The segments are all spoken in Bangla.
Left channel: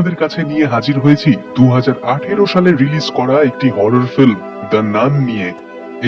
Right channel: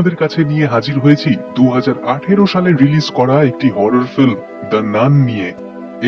আপনাদের কাছে নিয়ে হাজির হয়েছি 2018 সালে রিলিজ করা একটি হরর ফিল্ম দ্য নান নিয়ে।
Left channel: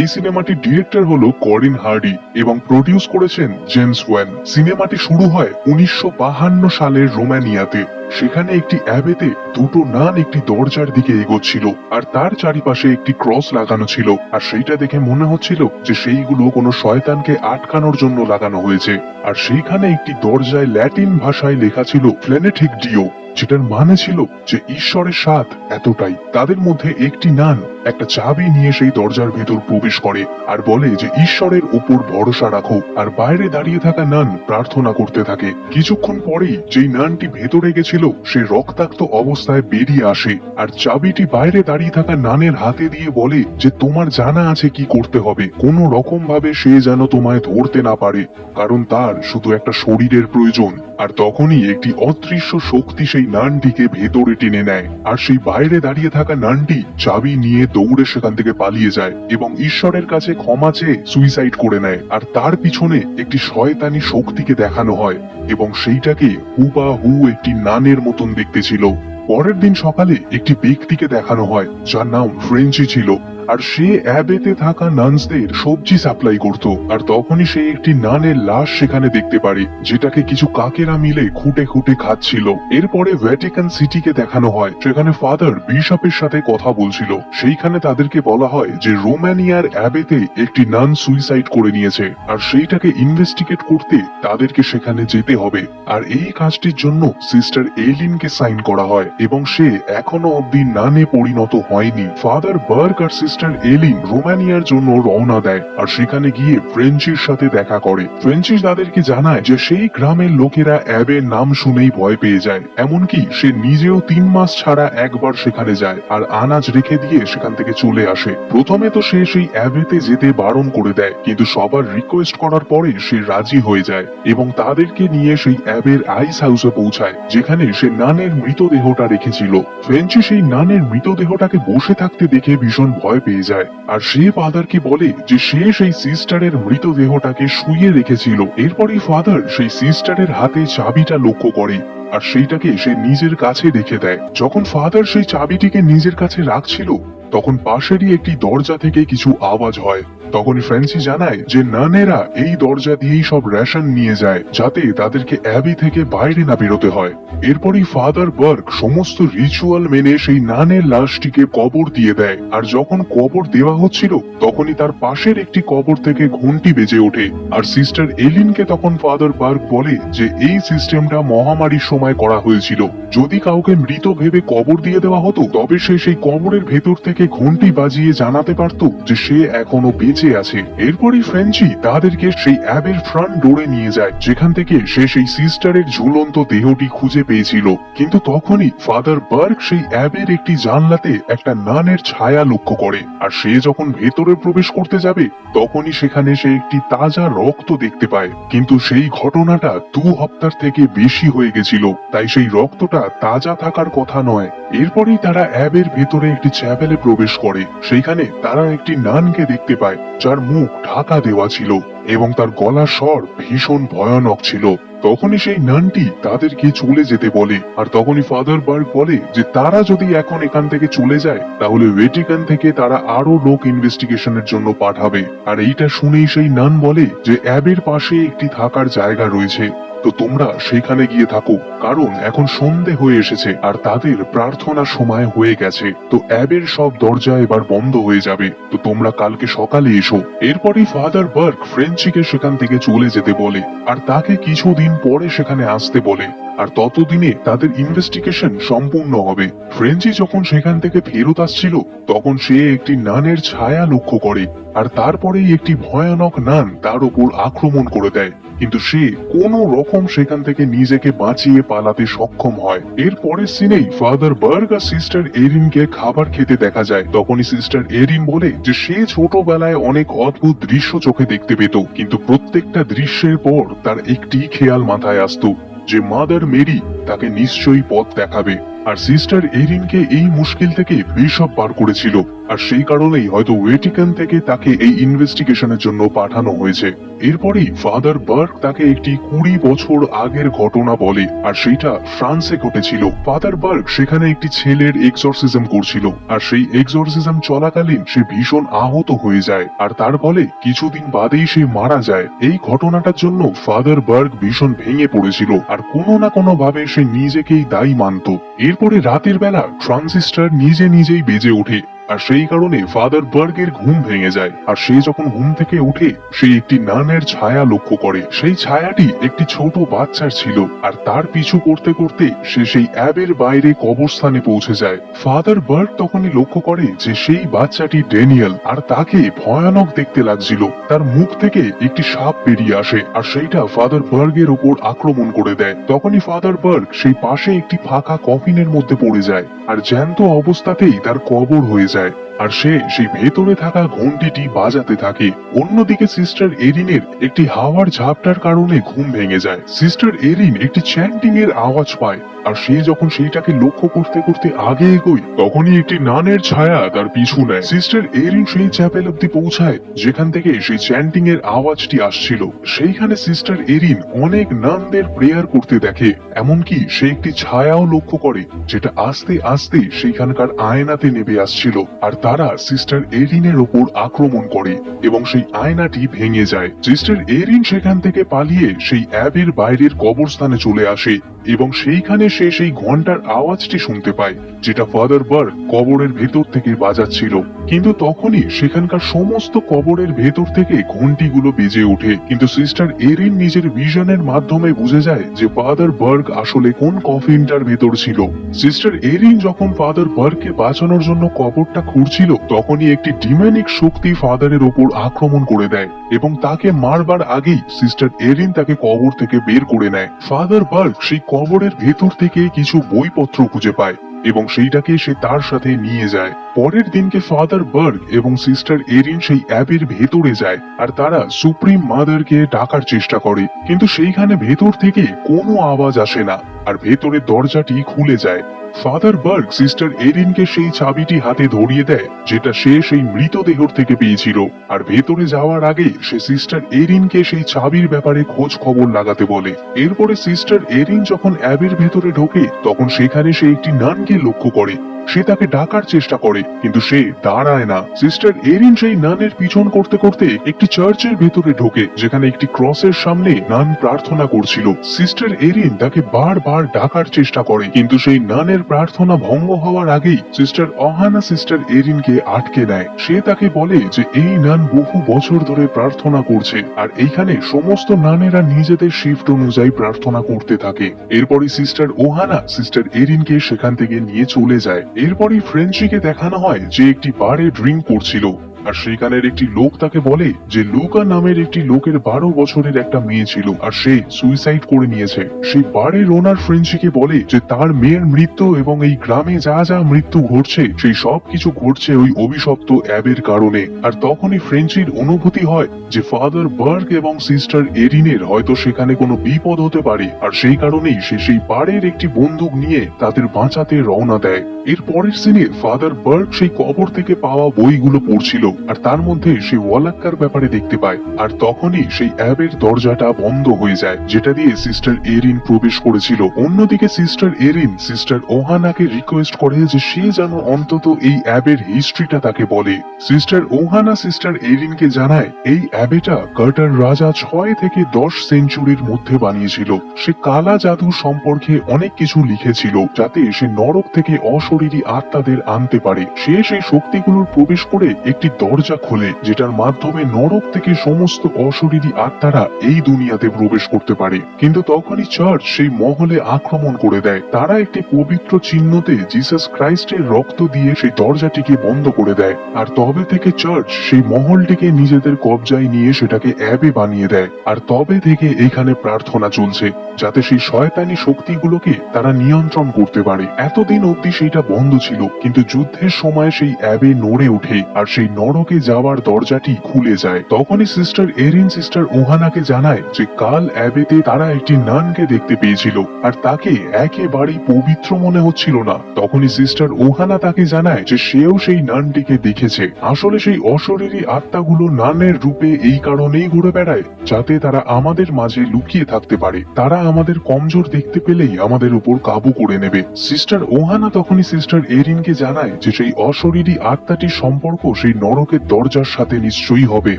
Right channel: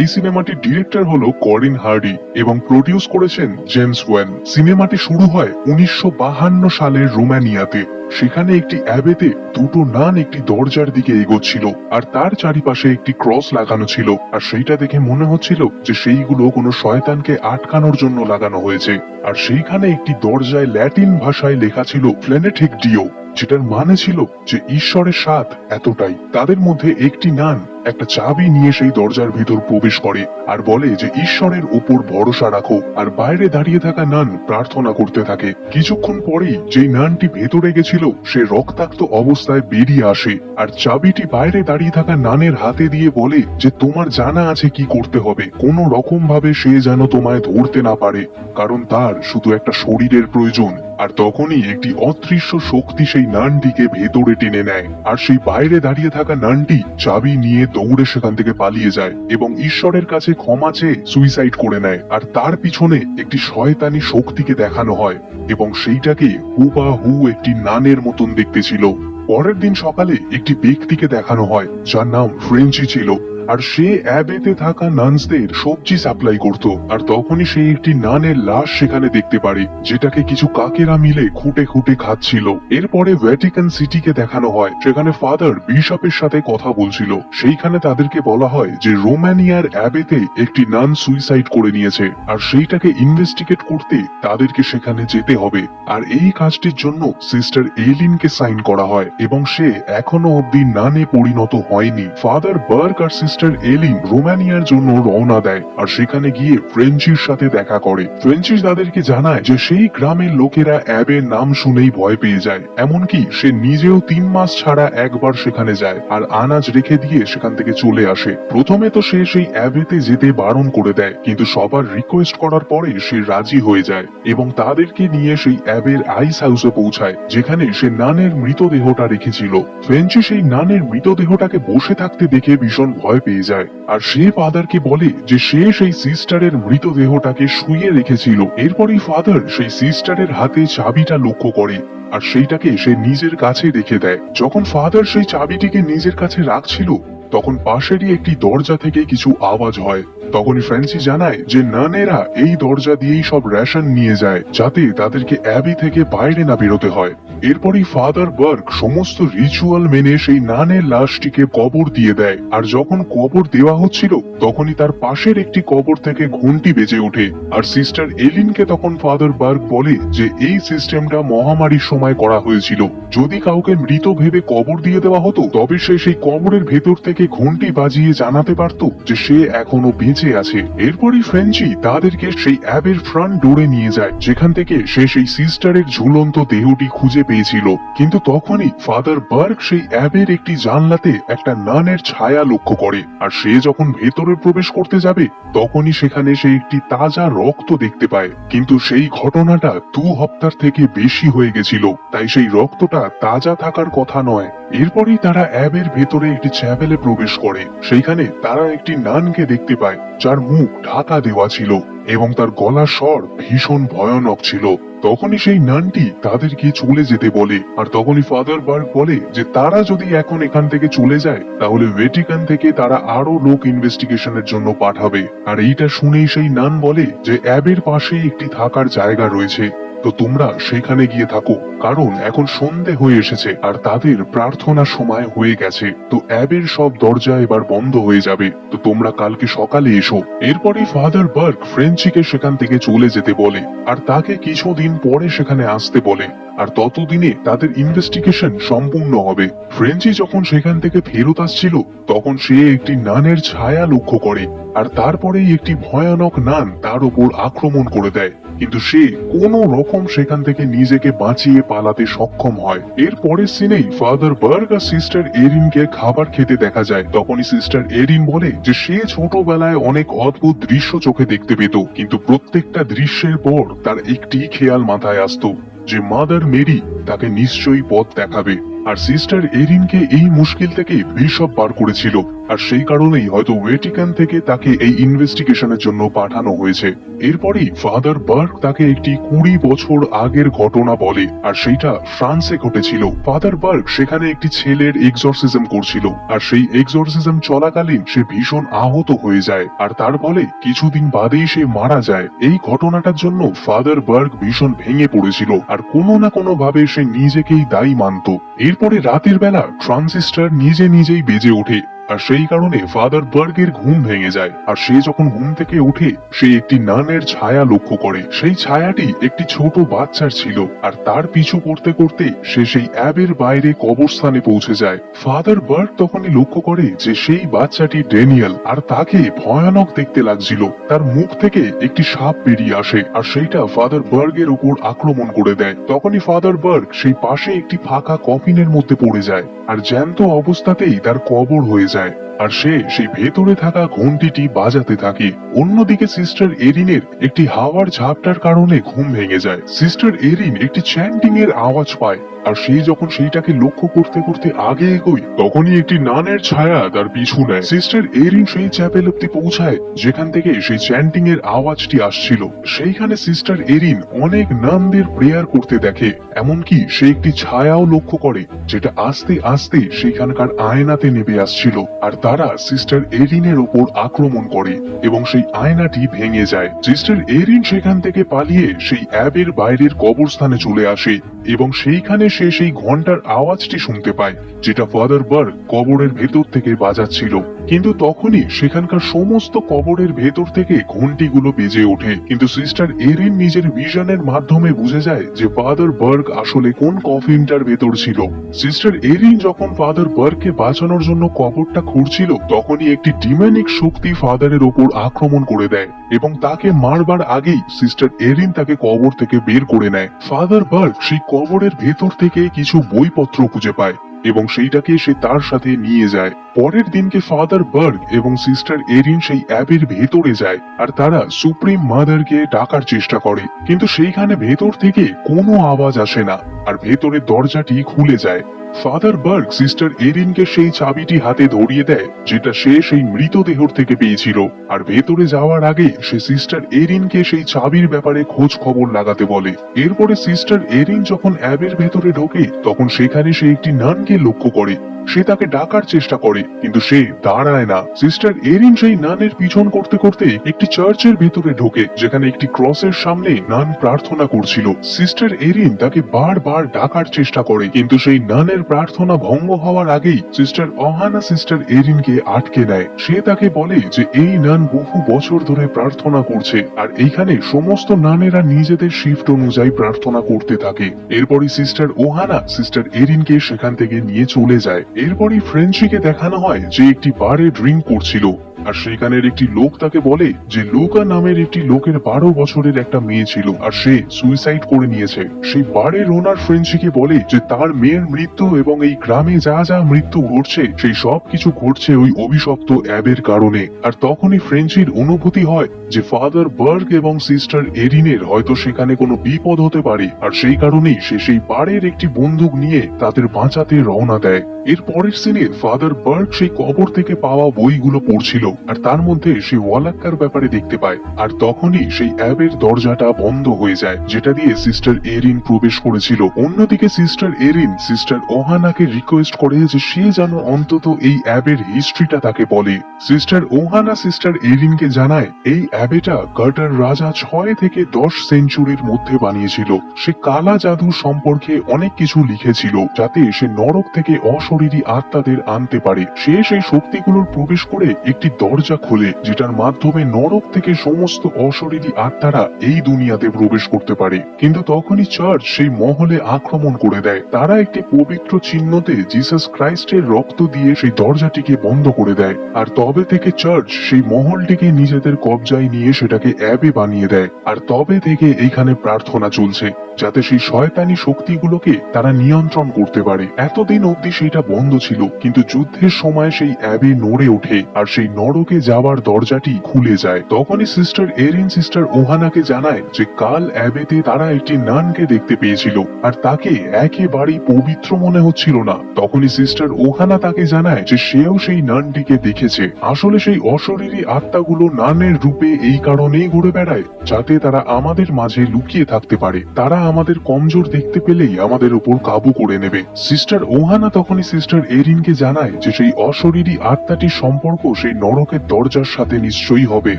এই সিনেমাটির ডিরেক্টর হলো করিন হার্ডি এবং প্রডিউস করেছেন জেমস ওয়েন। সিনেমাটি শুরু হয় 1952 সালের রোমানিয়াতে। সেখানে একটি অ্যাবেতে দুটো নান একটি দরজার দিকে এগোচ্ছিল, আর তার চারিপাশে একটি ক্রস লাগানো ছিল, আর সেইটা দেখে মনে হচ্ছিল যে সেইগুলো কোনো শয়তানকে আটকানোর জন্য লাগানো হয়েছে। আর সেইখানে একটি দরজায় ল্যাটিন ভাষায় লেখা ছিল ফ্লেনেটিক ডিও, যেটার মানে ছিল যে ঈশ্বরের স্বাদ এতটাই। তাদের মধ্যে একটি নান একটা চাবি নিয়ে সেই দরজার ভেতর প্রবেশ করে আর বলে যে ঈশ্বরের উপর ভরসা রাখো, আর বাইরে দাঁড়িয়ে থাকা নান প্রার্থনা করতে থাকে। কিছুক্ষণ পরেই যেই নানটি ভেতরে গেছিল সে রক্তাক্ত অবস্থায় বেরিয়ে আসে, আর চাবিটি বাইরে দাঁড়িয়ে থাকা নানের হাতে দিয়ে বলে যে তোমার জানা আছে কি করতে হবে, কোন রকম ভাবে সে যেন তোমায় ধরতে না পারে, কারণ তার শুধু একটা শরীরের প্রয়োজন। আর তখনই একটি অদৃশ্য শক্তি সেই নানটিকে ভেতরে টেনে নেয়, আর সেই বাইরে দাঁড়িয়ে থাকা নানটি চাবি নিয়ে দৌড়ে সেখান থেকে পালিয়ে যায় এবং ঈশ্বরের কাছে ক্ষমা চেয়ে সুইসাইড করে নেয়। আর তার পিছনে একটি শয়তানি শক্তিকে দেখানো হয় এবং সেইটাকে হুবাহু একটি নানের মতন দেখতে ছিল। পরের দিন সকালে একটি ব্যক্তিকে দেখানো হয় যার নাম ফ্রেঞ্চি ছিল, আর সে অ্যাবেতে থাকা নানসদের সবজি সাপ্লাই করত। আর তখনই সে একটি নানের লাশ সেখানে দেখতে পারে, যেটাকে কিছু কাকেরা মিলে খুঁটে খুঁটে খাচ্ছিল। এরপরে ভ্যাটিকান সিটিকে দেখানো হয়, সেখানে ফাদার বিশপের সাথে কথা বলছিল। সেইখানে তাদেরকে বলা হয় যে রোমানিয়ার অ্যাবেতে একটি নান সুইসাইড করে নিয়েছে, আর সেইটাকে ইনভেস্টিগেট করতে তাদেরকে সেখানে যেতে হবে। আর এই কাজটির জন্য সিস্টার এলিনকে সাইন করা হয় এবং সে এখনো অব্দি নানে পরিণত হয়নি। ফাদার বার্গ আর সিস্টার এলিন রোমানিয়ার জন্য রওনা দেয়, আর সেখানে গিয়ে ফ্রেঞ্চির সাথে দেখা করে। ফ্রেঞ্চি তাদেরকে জানায় যে সেই গ্রামের লোকেরা অ্যাবের নাম শুনেই ভয় পেয়ে যায়, এমনকি সে নিজেও 3 মাস ছাড়া একবার সেখানে যায় আর আনাজ রেখে দিয়ে সেখান থেকে চলে আসে। প্রথমে তো সে সেই অ্যাবেতে যেতে বারণ করে দেয়, কিন্তু সবার রিকোয়েস্ট করার পরে সে রাজি হয়ে যায় এবং তাদেরকে নিয়ে সেই অ্যাবের আইস হাউসে পৌঁছায়, যেখানে সে নানের মৃতদেহটা রেখেছিল। ফ্রেঞ্চি সেই নানের মৃতদেহটাকে বসে থাকতে দেখে ভীষণ ভয় পেয়ে যায়, আর সে ফাদারকে বলে যে সে সেই সিস্টারের মৃতদেহটাকে শুইয়ে রেখেছিল। এরপরই ফাদার সেই সিস্টারের হাতে চাবিটা লক্ষ্য করে, আর সেইটাকে সে নিজের কাছে রেখে দেয়। যখন ফাদার সেই চাবিটিকে নিজের কাছে রাখছিল, তখন পাশেরই একটি দরজা থেকে কিছু আওয়াজ হয়। তখনই ফ্রেঞ্চি জানায় যে নানেরা এই দরজা দিয়েই সব রেশন নিয়ে যায়, যাতে তাদেরকে অ্যাবি থেকে বাইরে না বেরোতে হয়। এরপরই ফাদার বার্গ সমস্ত রিচুয়াল মেনে সেই নানের লাশটিকে কবর দিয়ে দেয়, আর যখন কবর দেওয়া হচ্ছিল তখনই তার পাশের একটি কবর থেকে ঘন্টি বেজে ওঠে। আর সিস্টার এলিনকে তখন ফাদার বার্গ বলে যে এই সিস্টেমটা মহামারীর সময় করা হয়েছিল, যদি কাউকে মৃত ভেবে কবর দিয়ে দেওয়া হতো তবে সে সেই কবরের ভেতর থেকে ঘন্টি বাজিয়ে জানাতে পারতো যে সে এখনো বেঁচে আছে। এরপরই ফ্রেঞ্চি তাদেরকে সেই অ্যাবের ফ্রন্ট ডোরে নিয়ে যায়, যেখান থেকে সে সেই সিস্টারের ঝুলন্ত দেহটি খুঁজে পেয়েছিল। কিন্তু তখনই ফাদার বার্গ সেই অ্যাবের একটি জানলাতে একটা নানের ছায়া লক্ষ্য করে, আর সে যখন ভেতরে প্রবেশ করতে যাবে তখনই সেখানে সে একটি তাজা রক্ত দেখতে পায়। কিন্তু সেই ঘটনাটা 2 হপ্তার থেকে বেশি হয়ে গেছিল, তাই সেই রক্তটা তাজা থাকার কথা নয়। এরপরই তারা অ্যাবের ভেতরে একটি চ্যাপেলে প্রবেশ করে। সেইখানে তারা একটি নানকে দেখতে পায় যার মুখ ঢাকা দেওয়া ছিল এবং তার গলার স্বর ভীষণ ভয়ানক ছিল। তখনই সেই নানটি তাদেরকে চলে যেতে বলে, আর তখনই ফাদার বার্গ বলে যে তারা যদি এখন এখান থেকে চলে যায় তাহলে ভ্যাটিকান থেকে তারা আরো লোক ইনভেস্টিগেশনের জন্য পাঠাবে। আর এইটা শুনেই সেই নান বলে যে অ্যাবের পাশে একটি থাকার জায়গা রয়েছে, তো তোমরা সেখানে গিয়ে থাকো, কারণ এখন সন্ধে হয়ে এসেছে আর তাদের প্রার্থনার সময় হয়ে গেছে। তো অ্যাবের সব দরজা এবার বন্ধ হয়ে যাবে, তো তোমরা কালকে সকালে এসো। এরপরই ফাদার বার্গ ফ্রেঞ্চিকে সেখান থেকে চলে যেতে বলে, আর তাকে কিছুদিন পরে সেখানে আসতে বলে, আর ততদিনে তাদের ইনভেস্টিগেশন সম্পূর্ণ হবে। ফ্রেঞ্চি যখন সেখান থেকে ফেরত আসছিল তখন সে একটি নানের ছায়া লক্ষ্য করে, আর তারপরেই একটি ভয়ানক নান তার উপর আক্রমণ করে দেয়, কিন্তু সে কোনো রকম সেখান থেকে নিজেকে বাঁচিয়ে পালাতে সক্ষম হয়। এরপরের সিনেই ফাদার বার্গ আর সিস্টার এরিনকে খাবার খেতে দেখা যায়। তখনই সিস্টার এরিন বলে যে সে ছোটবেলায় অনেক অদ্ভুত দৃশ্য চোখে দেখতে পেত, কিন্তু প্রত্যেকটা দৃশ্যের পর তার একটি খেয়াল মাথায় আসতো যে মাদার মেরি তাকে নিশ্চয়ই পথ দেখাবে। আর সিস্টার এরিনকে এই মুশকিল থেকে বিশপ বার করেছিল, আর সেই কারণেই হয়তো ভ্যাটিকান থেকে তাকে এই ইনভেস্টিগেশনের জন্য পাঠানো হয়েছে। এরপরেই ফাদার বার্গ তাকে একটি 20 বছর আগের ঘটনা বলে, আর সেইটা ফ্রান্সে ঘটেছিল। ফাদার বার্গ সেখানে একটি ছেলের এক্সরসিজম করছিল, আর সেই এক্সরসিজম চলাকালীন সে ভীষণ আহত হয়ে যায়, আর তার ফলে কিছুদিন বাদেই সে মারা যায়। এই ঘটনাটার জন্য ফাদার বার্গ ভীষণ ভেঙে পড়েছিল, আর কোনো না কোনো ভাবে সে নিজেকেই দায়ী মানত। এরপরে রাতের বেলা ট্রানজিস্টর নিজে নিজেই বেজে ওঠে, আর সেই কারণে ফাদার বার্গের ঘুম ভেঙে যায়। আর সে যখন ঘুম থেকে ওঠে সে একটি নানের ছায়া লক্ষ্য করে। সেই ছায়াটি একটি ছোট বাচ্চার ছিল, আর তার পিছু করতে করতে সে সেই অ্যাবের বাইরে কবরস্থানে পৌঁছে যায়। ফাদার বার্গ তখনই লক্ষ্য করে যে সেই বাচ্চাটি ড্যানিয়েল, আর তাকে ভয়ানক দেখতে লাগছিল। তার মুখ থেকে একটি সাপ বেরিয়ে আসে, আর সেইটা ফাদার বার্গের উপর আক্রমণ করে দেয়। তখনই ফাদার বার্গ সেই পাশে একটি ফাঁকা কফিনের মধ্যে পড়ে যায়, আর জ্যান্ত অবস্থাতেই তার কবর হয়ে যায়। আর সে সেই ভেতরে থাকা ঘন্টিটি বাজাতে থাকে। অন্যদিকে সিস্টার এরিনের একটি হাওয়ার ঝাপটার কারণে ঘুম ভেঙে যায়। সিস্টার এরিন একটি চ্যান্টিং এর আওয়াজ পায়, আর সে যখন সেইটাকে লক্ষ্য করতে করতে আগে এগোয় তখনই একটি নানের ছায়া তার পিছু নেয়। সিস্টার এরিন সেই চ্যাপেল অব্দি পৌঁছায় যেখান থেকে সেই চ্যান্টিং এর আওয়াজটি আসছিল। সেইখানে সিস্টার এরিন অনেক নানদের প্রেয়ার করতে দেখে, এমনকি সে একটি ছায়াও লক্ষ্য করে যেটা আস্তে আস্তে সেইখানকার আয়নাতে নেমে আসছিল, আর তারা সিস্টার এরিনের ওপর আক্রমণ করে এবং সেই আয়নাটি ভেঙে যায়। সিস্টার এরিন সেখান থেকে পালিয়ে সেই অ্যাবের বাইরের কবরস্থানে চলে আসে এবং সেইখানে সে সেই ঘন্টার আওয়াজটি শুনতে পায় যেটা ফাদার বার্গ কবরের ভেতর থেকে বাজাচ্ছিল। কিন্তু তখনই সেখানকার সমস্ত কবরের ভেতর থেকে ঘন্টিগুলো বেজে ওঠে। কিন্তু সিস্টার এরিন নিজের ভিশনের মাধ্যমে বুঝে যায় যে ফাদার বার্গ আসলে কোন কফিনটার ভেতর ছিল। সিস্টার এরিন যখন ফাদার বার্গকে বাঁচানোর জন্য কবরটা খুঁড়ছিল তখনই একটি ডিমনিক শক্তি ফাদারের ওপর আক্রমণ করে দেয় এবং তাকে মারবার আগেই সিস্টার এরিন তাকে কবর থেকে বের করে নেয়। ফাদার বার্গ সেই কবরের ভেতর থেকে কিছু বইপত্র খুঁজে পায় এবং সেইটাকে সে তার সাথে নিয়ে যায়। পরের দিনকে ফাদার বার্গ এবং সিস্টার এরিন সেই অ্যাবের ভেতরে যায়, আর তারা সুপ্রিম মাদারকে ডাকার চেষ্টা করে, কিন্তু সেইখানে ভেতর থেকে কোনো আওয়াজ আসে না, আর ভেতরের দরজাটি খুলে যায়। ফাদার বার্গ সিস্টার এরিনকে সেই চাবিটি হাতে ধরিয়ে দেয় যেটা সে সেই মৃতদেহর থেকে পেয়েছিল, আর ভেতরে যাওয়ার আগে সে সিস্টার এরিনকে সেই চাবির ব্যাপারে খোঁজ খবর লাগাতে বলে। এরপরে সিস্টার এরিন যখন অ্যাবের ভেতরে ঢোকে তখন সেখানে সে একটি নানকে লক্ষ্য করে। সে তাকে ডাকার চেষ্টা করে কিন্তু সে দাঁড়ায় না। সিস্টার এরিন সেই নানের পিছন করতে করতে একটি চার্চের ভেতরে ঢোকে যেখানে একটি ক্রসের সামনে নান প্রার্থনা করছিল। সিস্টার এরিন তাকে বারবার ডাকার চেষ্টা করে কিন্তু সেই নানের প্রার্থনা ভঙ্গ হওয়ার আগেই সিস্টার অহানা সিস্টার এরিনকে আটকে নেয়। সে তাকে বলে যে এই নান বহু বছর ধরে প্রার্থনা করছে, আর এইখানে সমস্ত নানেরা নিজেদের শিফট অনুযায়ী প্রার্থনা করতে থাকে। এরপরে সিস্টার ওহানা সিস্টার এরিনকে সেখান থেকে নিয়ে চলে যায়। এরপরই ফ্রেঞ্চিকে দেখানো হয় যে একটি বারে ড্রিঙ্ক করছিল, আর সেখানের একটি লোক তাকে বলে যে লুকা নামের একটি লোকের 12 বছরের একটা মেয়ে ছিল আর সে সুইসাইড করে নিয়েছে। সেই বাড়ির ওনার ফ্রেঞ্চিকে বলে যে তার মেয়ের মৃত্যু এবং এই গ্রামে যা যা মৃত্যু ঘটছে সেই সব কিছু ঘটছে ওই অভিশপ্ত অ্যাবের কারণে। আর তখনই ফ্রেঞ্চির অনুভূতি হয় যে ফাদার বার্গ এবং সিস্টার এরিনের হয়তো সেখানে কোনো বিপদ হতে পারে, আর সেই কারণেই সে সেই বাড়ির একটি বন্দুক নিয়ে তাদের বাঁচাতে রওনা দেয়। এর পরের সিনে ফাদার বার্গ সেই কবর থেকে পাওয়া বইগুলো পড়ছিল, আর তার মধ্যে সে ওয়ালাক্কার ব্যাপারে দেখতে পায়। আর তখনই সেই অ্যাবের দরজাটা বন্ধ হয়ে যায় যেটা দিয়ে সিস্টার এরিন প্রবেশ করেছিল। অন্যদিকে সিস্টার এরিন সিস্টার ওহানাকে রিকোয়েস্ট করে যে সে যেন অন্তত এই অ্যাবের হিস্ট্রিটা তাকে বলে। সিস্টার ওহানা সিস্টার এরিনকে জানায় এই অ্যাবেটা কার্টার রাজা 6 থেকে 10 সেঞ্চুরির মধ্যে বানিয়েছিল। সে কালা জাদু সম্পর্কে অনেক কিছু লিখেছিল যাতে সে নরক থেকে অশরীরী আত্মাদের আনতে পারে। সে সেই শক্তিগুলোর প্রবেশ করে একটি দরজা খোলে যেটার মাধ্যমে নরক থেকে সমস্ত অশরীরী আত্মারা এই দুনিয়াতে প্রবেশ করতে পারে। কিন্তু তখনই চার্চ সেই মহলে আক্রমণ করে দেয়। তারা একটি পবিত্র চিহ্নতে জিসাস ক্রাইস্টের রক্ত দিয়ে সেই দরজাটিকে বন্ধ করে দেয়, আর তবে থেকে চার্চ সেই মহলটিকে নিজেদের কবজায় নিয়ে সেটাকে অ্যাবে বানিয়ে দেয়। আর তবে থেকে এখানে প্রার্থনা চলছে যাতে সেই শয়তানি শক্তিগুলোকে তারা নিয়ন্ত্রণ করতে পারে। এতদিন অবধি সেইটা বন্ধ ছিল, কিন্তু যুদ্ধের সময় সেই অ্যাবে নড়ে ওঠে, আর সেই নরকে যাওয়ার দরজাটি খুলে যায়। তখনই সিস্টার এরিন সিস্টার ওহানাকে জানায় যে কাল অ্যাবেতে তারা একটি নানকে দেখতে পেয়েছিল আর তাকে একেবারেই পবিত্র মনে হচ্ছিল না। তখনই সিস্টার ওহানা তাকে জানায় যে সেও সেই নানটিকে দেখেছে। আসলে সেই অশরীরী আত্মাগুলো নানের রূপে এই কারণেই ঘুরে বেড়ায় যাতে তারা আমাদের মাঝে লুকিয়ে থাকতে পারে। তারা আমাদের কমজোর দেখতে পেলেই আমাদের উপর কাবু করে নেবে। সিস্টার ওহানা তখনই সিস্টার এরিনকে জানায় যে সেই অশরীরী আত্মাটির সম্পর্ক সেই নরকের দরজার সাথে নিশ্চয়ই হবে।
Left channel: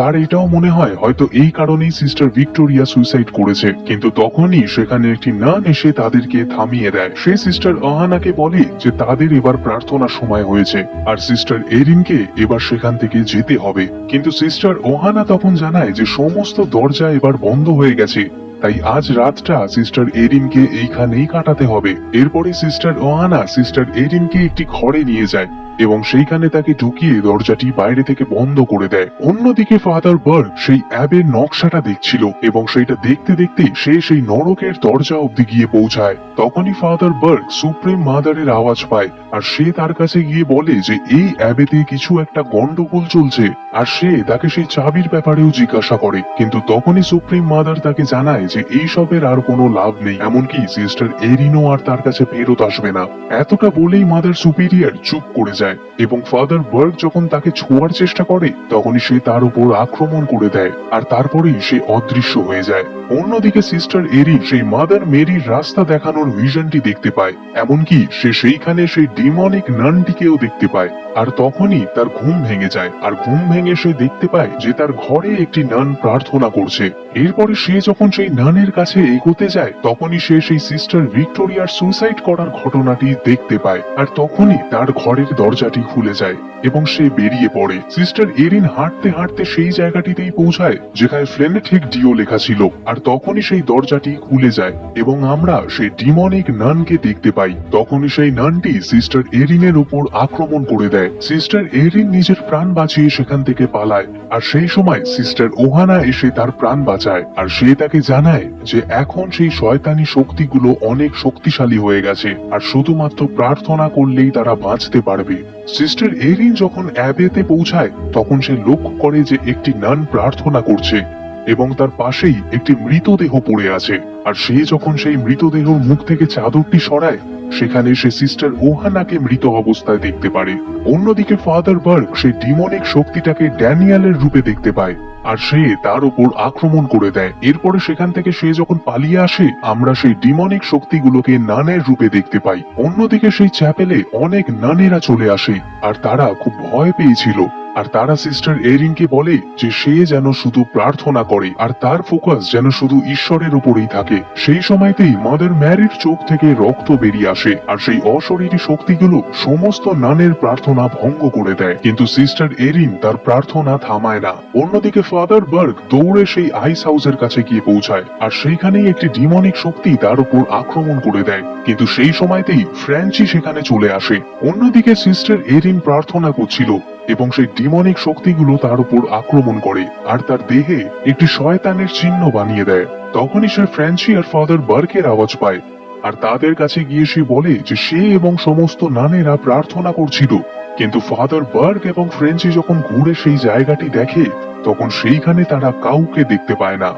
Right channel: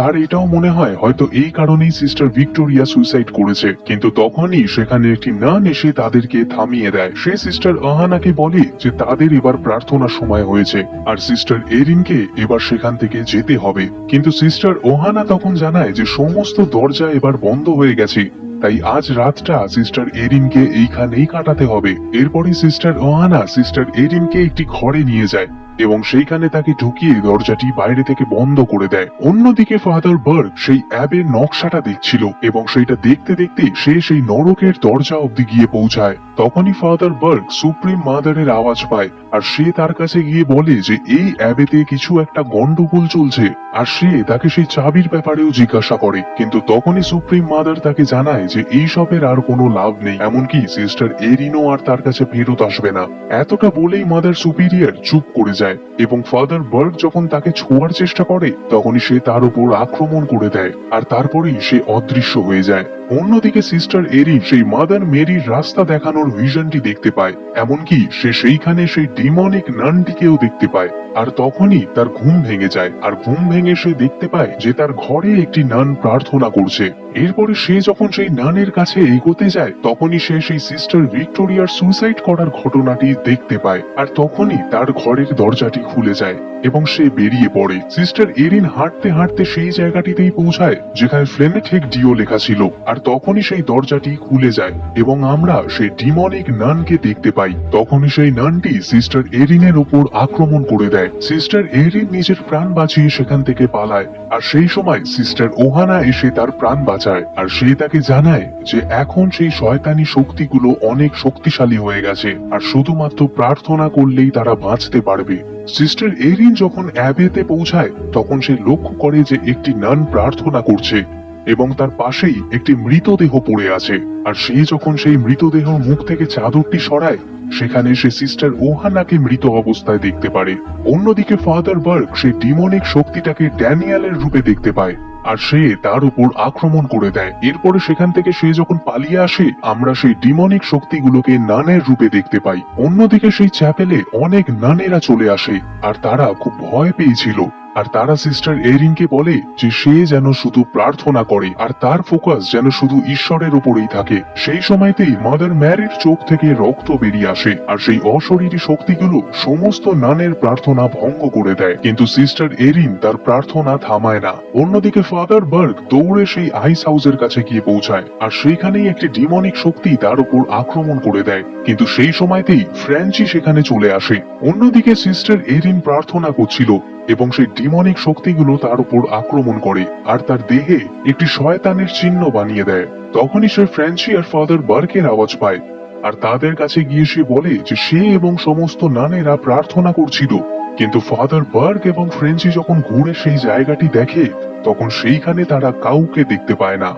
তার এটাও মনে হয় হয়তো এই কারণেই সিস্টার ভিক্টোরিয়া সুইসাইড করেছে। কিন্তু তখনই সেখানে একটি নান এসে তাদেরকে থামিয়ে দেয়। সে সিস্টার ওহানাকে বলে যে তাদের এবার প্রার্থনার সময় হয়েছে আর সিস্টার এরিনকে এবার সেখান থেকে যেতে হবে। কিন্তু সিস্টার ওহানা তখন জানায় যে সমস্ত দরজা এবার বন্ধ হয়ে গেছে, তাই আজ রাতটা সিস্টার এরিনকে এইখানেই কাটাতে হবে। এরপরে সিস্টার ওহানা সিস্টার এরিনকে একটি ঘরে নিয়ে যায় এবং সেইখানে তাকে ঢুকিয়ে দরজাটি বাইরে থেকে বন্ধ করে দেয়। অন্যদিকে ফাদার বার্গ সেই অ্যাবের নকশাটা দেখছিল এবং সেইটা দেখতে দেখতে সে সেই নরকের দরজা অব্দি গিয়ে পৌঁছায়। তখনই ফাদার বার্গ সুপ্রিম মাদারের আওয়াজ পায় আর সে তার কাছে গিয়ে বলে যে এই অ্যাবেতে কিছু একটা গন্ডগোল চলছে আর সে তাকে সেই চাবির ব্যাপারেও জিজ্ঞাসা করে। কিন্তু তখনই সুপ্রিম মাদার তাকে জানায় যে এই সবের আর কোনো লাভ নেই, এমনকি সিস্টার এরিনও আর তার কাছে ফেরত আসবে না। এতটা বলেই মাদার সুপিরিয়র চুপ করে যায় এবং ফাদার বার্গ যখন তাকে ছোঁয়ার চেষ্টা করে তখনই সে তার উপর আক্রমণ করে দেয় আর তারপরেই সে অদৃশ্য হয়ে যায়। অন্যদিকে সিস্টার এরিন সেই মাদার মেরির রাস্তা দেখানোর ভিশনটি দেখতে পায়, এমনকি সে সেইখানে সেই ডিমনিক নানটিকেও দেখতে পায়। আর তখনই তার ঘুম ভেঙে যায় আর ঘুম ভেঙে সে দেখতে পায় যে তার ঘরে একটি নান প্রার্থনা করছে। এরপরে সে যখন সেই নানের কাছে এগোতে যায় তখনই সে সেই সিস্টার ভিক্টোরিয়ার সুইসাইড করার ঘটনাটি দেখতে পায় আর তখনই তার ঘরের দরজাটি খুলে যায় এবং সে বেরিয়ে পড়ে। সিস্টার এরিন হাঁটতে হাঁটতে সেই জায়গাটিতেই পৌঁছায় যেখানে ফ্লেনেটেক ডিও লেখা ছিল আর তখনই সেই দরজাটি খুলে যায় এবং আমরা সেই ডিমনিক নানকে দেখতে পাই। তখনই সেই নানটি সিস্টার এরিনের উপর আক্রমণ করে দেয়। সিস্টার এরিন নিজের প্রাণ বাঁচিয়ে সেখান থেকে পালায় আর সেই সময় সিস্টার ওহানা এসে তার প্রাণ বাঁচায় আর সে তাকে জানায় যে এখন সেই শয়তানি শক্তিগুলো অনেক শক্তিশালী হয়ে গেছে আর শুধুমাত্র প্রার্থনা করলেই তারা বাঁচতে পারবে। সিস্টার এরিন যখন অ্যাবেতে পৌঁছায় তখন সে লক্ষ্য করে যে একটি নান প্রার্থনা করছে এবং তার পাশেই একটি মৃতদেহ পড়ে আছে। আর সে যখন সেই মৃতদেহ মুখ থেকে চাদরটি সরায় সেখানে সে সিস্টার ওহানাকে মৃত অবস্থায় দেখতে পারে। অন্যদিকে ফাদার বার্গ সেই ডিমনিক শক্তিটাকে ড্যানিয়েলের রূপে দেখতে পায় আর সে তার উপর আক্রমণ করে দেয়। এরপরে সেখান থেকে সে যখন পালিয়ে আসে আমরা সেই ডিমনিক শক্তিগুলোকে নানের রূপে দেখতে পাই। অন্যদিকে সেই চ্যাপেলে অনেক নানেরা চলে আসে আর তারা খুব ভয় পেয়েছিল আর তারা সিস্টার এরিনকে বলে যে সে যেন শুধু প্রার্থনা করে আর তার ফোকাস যেন শুধু ঈশ্বরের উপরেই থাকে। সেই সময়তেই মাদার ম্যারির চোখ থেকে রক্ত বেরিয়ে আসে আর সেই অশরীরী শক্তিগুলো সমস্ত নানের প্রার্থনা ভঙ্গ করে দেয়, কিন্তু সিস্টার এরিন তার প্রার্থনা থামায় না। অন্যদিকে ফাদার বার্গ দৌড়ে সেই আইস হাউসের কাছে গিয়ে পৌঁছায় আর সেইখানেই একটি ডিমনিক শক্তি তার উপর আক্রমণ করে দেয়, কিন্তু সেই সময়তেই ফ্র্যাঞ্চি সেখানে চলে আসে। অন্যদিকে সিস্টার এরিন প্রার্থনা করছিল এবং সেই ডিমনিক শক্তিগুলো তার উপর আক্রমণ করে আর তার দেহে একটি শয়তানের চিহ্ন বানিয়ে দেয়। তখনই সে ফ্র্যাঞ্চি আর ফাদার বার্গের আওয়াজ পায় আর তাদের কাছে গিয়ে সে বলে যে সে এবং সমস্ত নানেরা প্রার্থনা করছিল, কিন্তু ফাদার বার্গ এবং ফ্র্যাঞ্চি যখন ঘুরে সেই জায়গাটি দেখে তখন সেইখানে তারা কাউকে দেখতে পায় না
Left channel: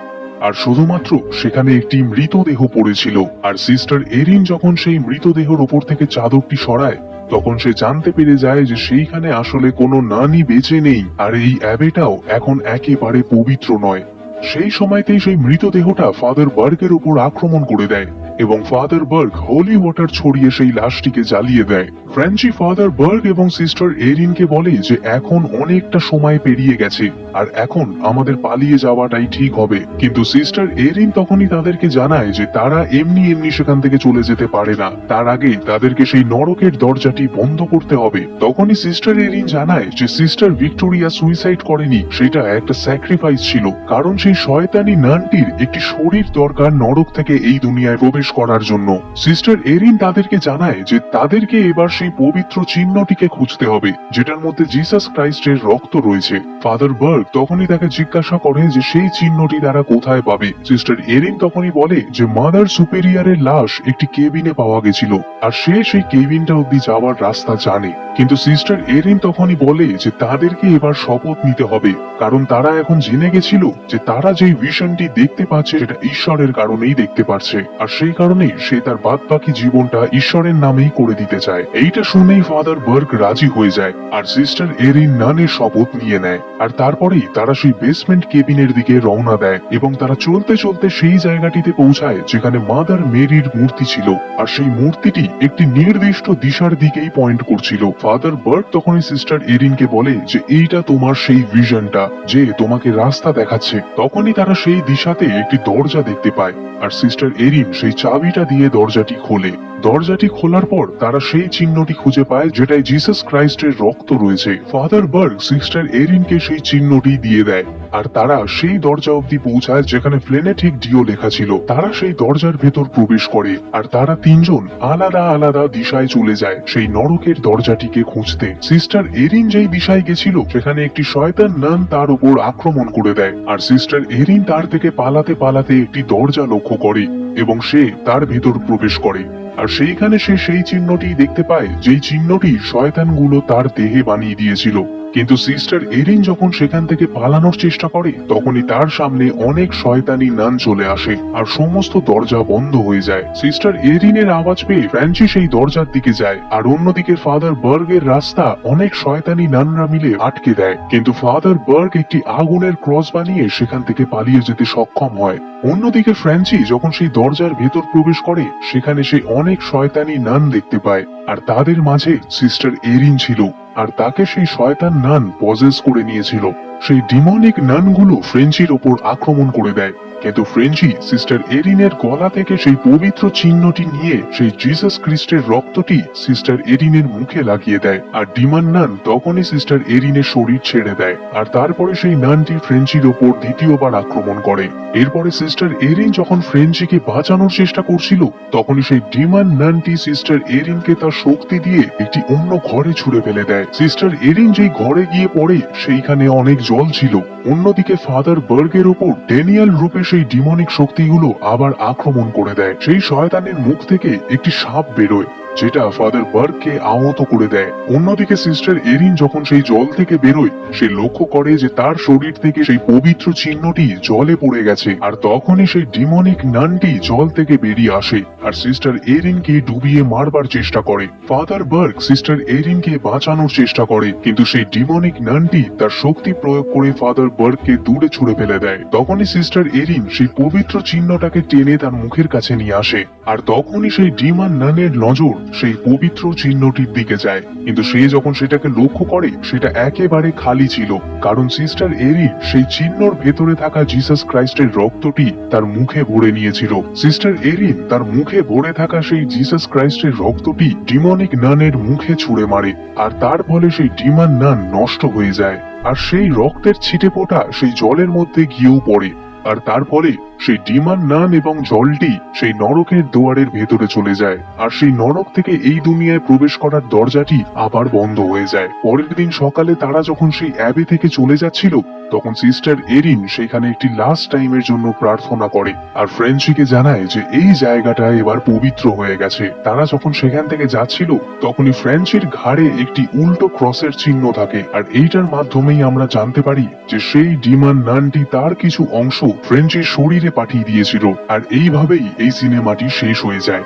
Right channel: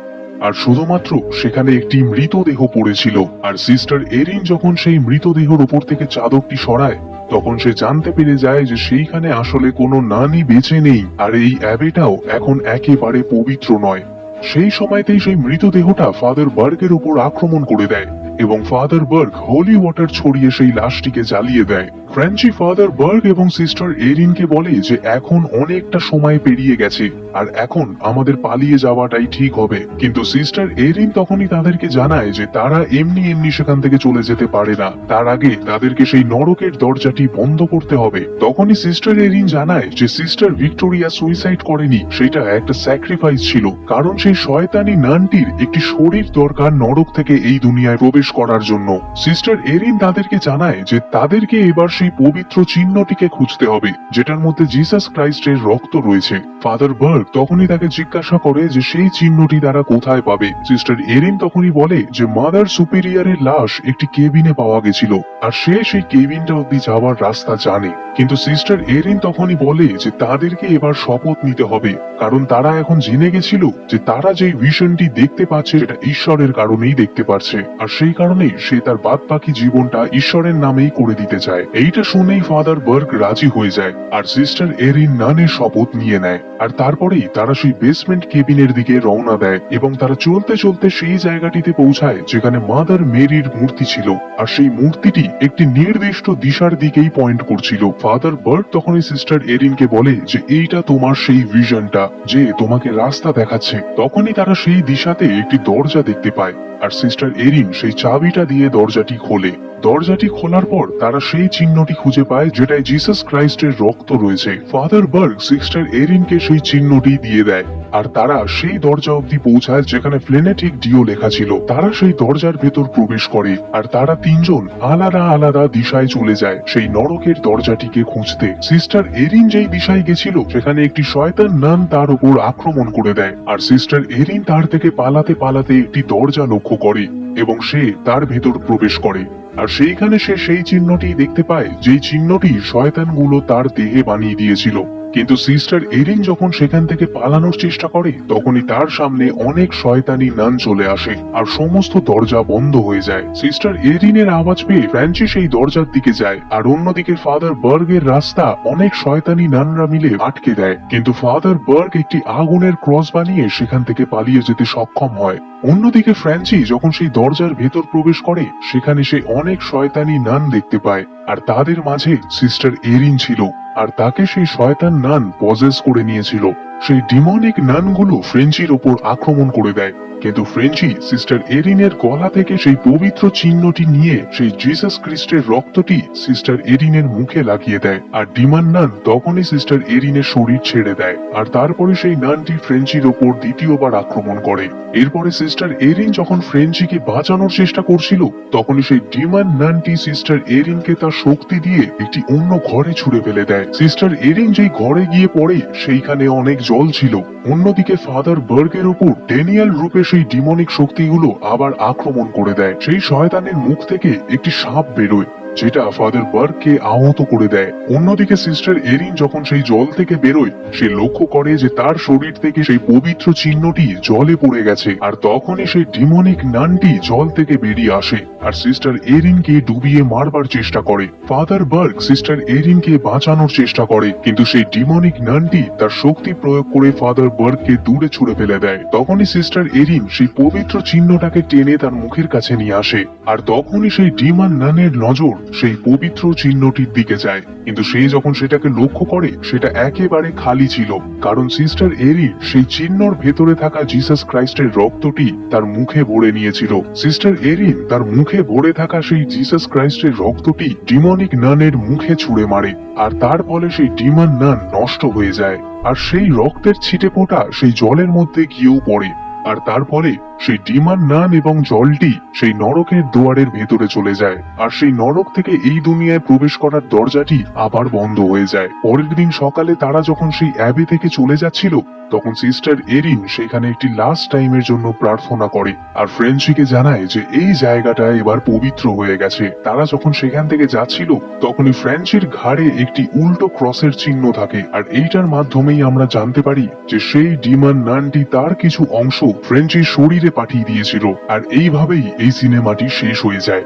আর শুধুমাত্র সেখানে একটি মৃতদেহ পড়েছিল। আর সিস্টার এরিন যখন সেই মৃতদেহের উপর থেকে চাদরটি সরায় তখন সে জানতে পেরে যায় যে সেইখানে আসলে কোনো নানই বেঁচে নেই আর এই অ্যাবেটাও এখন একেবারে পবিত্র নয়। সেই সময়তেই সেই মৃতদেহটা ফাদার বার্গের উপর আক্রমণ করে দেয় এবং ফাদার বার্গ হোলি ওয়াটার ছড়িয়ে সেই লাশটিকে জ্বালিয়ে দেয়। ফ্র্যাঞ্চি ফাদার বার্গ এবং সিস্টার এরিনকে বলে যে এখন অনেকটা সময় পেরিয়ে গেছে আর এখন আমাদের পালিয়ে যাওয়াটাই ঠিক হবে, কিন্তু সিস্টার এরিন তখনই তাদেরকে জানায় যে তারা এমনি এমনি সেখান থেকে চলে যেতে পারে না, তার আগে তাদেরকে সেই নরকের দরজাটি বন্ধ করতে হবে। তখনই সিস্টার এরিন জানায় যে সিস্টার ভিক্টোরিয়া সুইসাইড করেনি, সেটা একটা স্যাক্রিফাইস ছিল, কারণ সেই শয়তানি নানটির একটি শরীর দরকার নরক থেকে এই দুনিয়ায় প্রবেশ প্রবেশ করার জন্য। সিস্টার এরিন তাদেরকে জানায় যে তাদেরকে এবার সেই পবিত্র চিহ্নটিকে খুঁজতে হবে যেটার মধ্যে জিসাস ক্রাইস্টের রক্ত রয়েছে। ফাদার বার্গ তখনই তাকে জিজ্ঞাসা করে যে সেই চিহ্নটি তারা কোথায় পাবে। সিস্টার এরিন তখনই বলে যে মাদার সুপিরিয়রের লাশ একটি কেবিনে পাওয়া গেছিল আর সে সেই কেবিনটা অব্দি যাওয়ার রাস্তা জানে। কিন্তু সিস্টার এরিন তখনই বলে যে তাদেরকে এবার শপথ নিতে হবে, কারণ তারা এখন জেনে গেছিল যে তারা যেই ভিশনটি দেখতে পাচ্ছে সেটা ঈশ্বরের কারণেই দেখতে পাচ্ছে, আর সেই কারণেই সে তার বাদ বাকি জীবনটা ঈশ্বরের নামেই করে দিতে চায়। এইটা শুনেই ফাদার বার্গ রাজি হয়ে যায় আর সিস্টার এরিন নানের শপথ নিয়ে নেয়। আর তারপরেই তারা সেই বেসমেন্ট কেবিনের দিকে রওনা দেয় এবং তারা চলতে চলতে সেই জায়গাটিতে পৌঁছায় যেখানে মাদার মেরির মূর্তি ছিল, আর সেই মূর্তিটি একটি নির্দিষ্ট দিশার দিকেই পয়েন্ট করছিল। ফাদার বার্গ তখনই সিস্টার এরিনকে বলে যে এইটা তোমার সেই ভিশনটা যে তোমাকে রাস্তা দেখাচ্ছে। তখনই তারা সেই দিশাতে একটি দরজা দেখতে পায় আর সিস্টার এরিন সেই চাবিটা দিয়ে দরজাটি খোলে। দরজাটি খোলার পর তারা সেই চিহ্নটি খুঁজে পায় যেটায় জিসাস ক্রাইস্টের রক্ত রয়েছে। ফাদার বার্গ সিস্টার এরিনকে সেই চিহ্নটি দিয়ে দেয় আর তারা সেই দরজা অব্দি পৌঁছায় যেখানে ফ্লেনেটিক ডিও লেখা ছিল। তারা সেই দরজার ভেতর প্রবেশ করে আর তারা তিনজন আলাদা আলাদা দিশায় চলে যায় সেই নরকের দরজাটিকে খুঁজতে। সিস্টার এরিন যেই দিশায় গেছিল সেখানে একটি শয়তান নান তার উপর আক্রমণ করে দেয় আর সিস্টার এরিন তার থেকে পালাতে পালাতে একটি দরজা লক্ষ্য করে এবং সে তার ভেতর প্রবেশ করে। আর সেইখানে সে সেই চিহ্নটি দেখতে পায় যেই চিহ্নটি শয়তানগুলো তার দেহে বানিয়ে দিয়েছিল। কিন্তু সিস্টার এরিন যখন সেখান থেকে পালানোর চেষ্টা করে তখনই তার সামনে অনেক শয়তানি নান চলে আসে আর সমস্ত দরজা বন্ধ হয়ে যায়। সিস্টার এরিনের আওয়াজ পেয়ে ফ্রান্সি সেই দরজার দিকে যায় আর অন্যদিকে ফাদার বার্গের রাস্তা অনেক শয়তানি নানরা মিলে আটকে দেয়। কিন্তু ফাদার বার্গ একটি আগুনের ক্রস বানিয়ে সেখান থেকে পালিয়ে যেতে সক্ষম হয়। অন্যদিকে ফ্রান্সি যখন সেই দরজার ভেতর প্রবেশ করে সেখানে সে অনেক শয়তানি নান দেখতে পায় আর তাদের মাঝে সিস্টার এরিন ছিল আর তাকে সেই শয়তান নান পজেস করে নিয়েছিল। সেই ডিমনিক নানগুলো ফ্রেঞ্চির ওপর আক্রমণ করে দেয়, কিন্তু ফ্রেঞ্চি সিস্টার এরিনের গলা থেকে সেই পবিত্র চিহ্নটি নিয়ে সেই জিসাস খ্রিস্টের রক্তটি সিস্টার এরিনের মুখে লাগিয়ে দেয় আর ডিমন নান তখনই সিস্টার এরিনের শরীর ছেড়ে দেয় আর তারপরে সেই নানটি ফ্রেঞ্চির ওপর দ্বিতীয়বার আক্রমণ করে। এরপরে সিস্টার এরিন যখন ফ্রেঞ্চিকে বাঁচানোর চেষ্টা করছিল তখন সেই ডিমন নানটি সিস্টার এরিনকে তার শক্তি দিয়ে একটি অন্য ঘরে ছুড়ে ফেলে দেয়। সিস্টার এরিন যেই ঘরে গিয়ে পড়ে সেইখানে অনেক জল ছিল। অন্যদিকে ফাদার বার্গের উপর ড্যানিয়েল রূপে সেই ডিমনিক শক্তিগুলো আবার আক্রমণ করে দেয়। সেই শয়তানের মুখ থেকে একটি সাপ বেরোয় যেটা ফাদার বার্গকে আহত করে দেয়। অন্যদিকে সিস্টার এরিন যখন সেই জল থেকে বেরোয় সে লক্ষ্য করে যে তার শরীর থেকে সেই পবিত্র চিহ্নটি জলে পড়ে গেছে আর তখনই সেই ডিমনিক নানটি জল থেকে বেরিয়ে আসে আর সিস্টার এরিনকে ডুবিয়ে মারবার চেষ্টা করে। ফাদার বার্গ সিস্টার এরিনকে বাঁচানোর চেষ্টা করে কিন্তু সেই ডিমনিক নানটি তার শক্তি প্রয়োগ করে ফাদার বার্গকে দূরে ছুড়ে ফেলে দেয়। তখনই সিস্টার এরিন সেই পবিত্র চিহ্নটাকে টেনে তার মুখের কাছে নিয়ে আসে আর তখনই সেই ডিমন নানের নজর সেই পবিত্র চিহ্নটির দিকে যায়, কিন্তু সে যখন সেটাকে লক্ষ্য করে সেটা একেবারে খালি ছিল, কারণ সিস্টার এরিন সেই চিহ্নর ভেতরে থাকা জিসাস ক্রাইস্টের রক্তটি তার মুখে ভরে নিয়েছিল। সিস্টার এরিন তার মুখে ভরে থাকা সেই জিসাস ক্রাইস্টের রক্তটি ডিমনিক নানের মুখে ছুঁড়ে মারে আর তার ফলে সেই ডিমন নান নষ্ট হয়ে যায় আর সেই রক্তের ছিটে ফোঁটা সেই জলের মধ্যে গিয়েও পড়ে আর তার ফলে সেই ডিমন নান এবং জলটি সেই নরকের দুয়ারের ভেতরে চলে যায় আর সেই নরক থেকে এই দুনিয়ায় প্রবেশ করার দরজাটি আবার বন্ধ হয়ে যায়। পরের দিন সকালে তারা যখন সেই অ্যাবে থেকে চলে যাচ্ছিল তখন সিস্টার এরিন সেখানে একটি লাস্ট টাইমের জন্য প্রার্থনা করে আর ফ্রেঞ্চিকে জানায় যে এই জায়গাটা এবার পবিত্র হয়ে গেছে। তারা যখন সেখান থেকে যাচ্ছিল তখনই ফ্রেঞ্চির ঘাড়ে একটি উল্টো ক্রসের চিহ্ন থাকে আর এইটার মাধ্যমেই আমরা জানতে পারি যে সেই ডিমন নানটি তার কিছু অংশ ফ্রেঞ্চির শরীরে পাঠিয়ে দিয়েছিল আর এইভাবেই এই সিনেমাটি শেষ হয়ে যায়।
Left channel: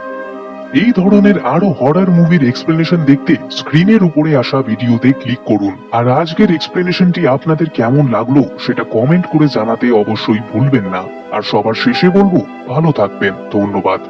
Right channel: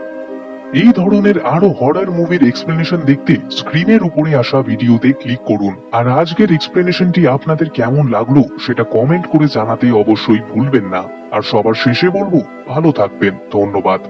এই ধরনের আরো হরর মুভির এক্সপ্লেনেশন দেখতে স্ক্রিনের উপরে আসা ভিডিওতে ক্লিক করুন আর আজকের এক্সপ্লেনেশনটি আপনাদের কেমন লাগলো সেটা কমেন্ট করে জানাতে অবশ্যই ভুলবেন না। আর সবার শেষে বলবো ভালো থাকবেন। ধন্যবাদ।